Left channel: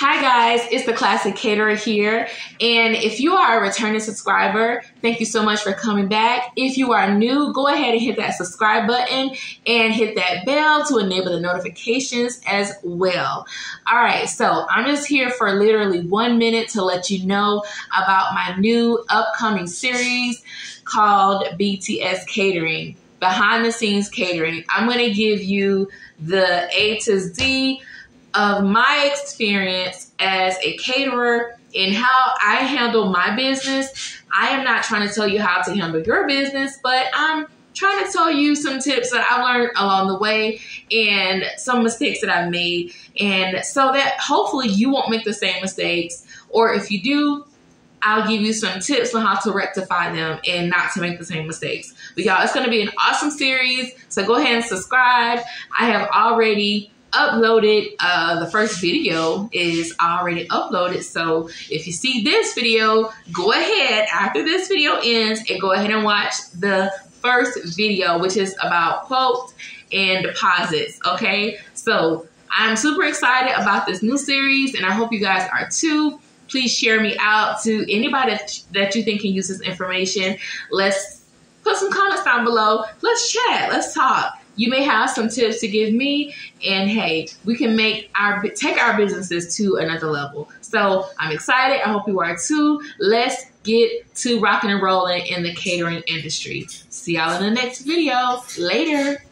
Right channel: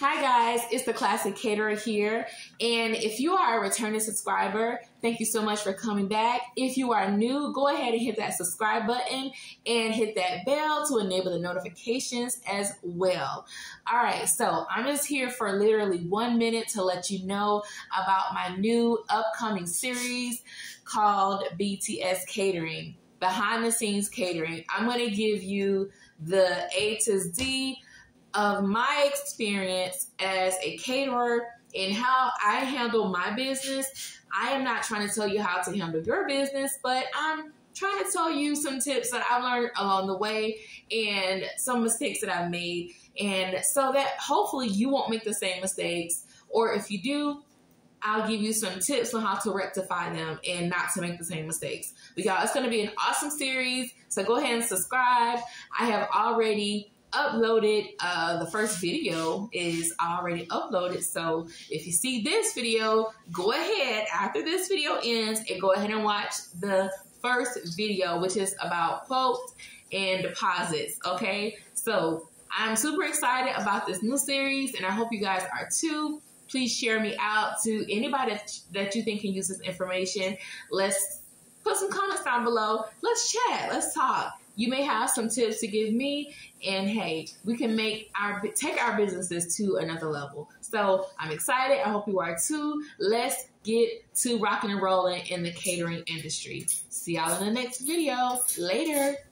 Hi guys, it's the Klassy Katerer here, and if you are a returning subscriber, thank you so much for coming back. If you are new, go ahead and hit that subscribe button and hit that bell to enable the notifications as well. All right, so I'm just here for literally 1 minute to let you know about my new upcoming series called BTS Catering, Behind the Scenes Catering. I'm going to give you the A to Z of my experience as a caterer and how I handle my business. I am not trying to tell you how to handle your business, but I'm trying to tell you some tips that I learned along the way and some mistakes that I've made, and so that hopefully you won't make the same mistakes, or if you do, I'll give you some tips on how to rectify them and not to make the same mistakes. But y'all, it's going to be an awesome series, so go ahead and subscribe. I have already uploaded, the first video is already uploaded, so if you see this video, go ahead after this video ends and go ahead and watch the first video, which is about quotes and deposits. Okay, so I'm super excited about this new series and I hope you guys are too. Please share me out to anybody that you think can use this information. Let's put some comments down below. Let's chat, let's talk. You may have some tips to give me, and hey, we can take our businesses to another level. So I'm excited. I hope you are too. Let's get to rocking and rolling in the catering industry. See y'all in the next video. Later.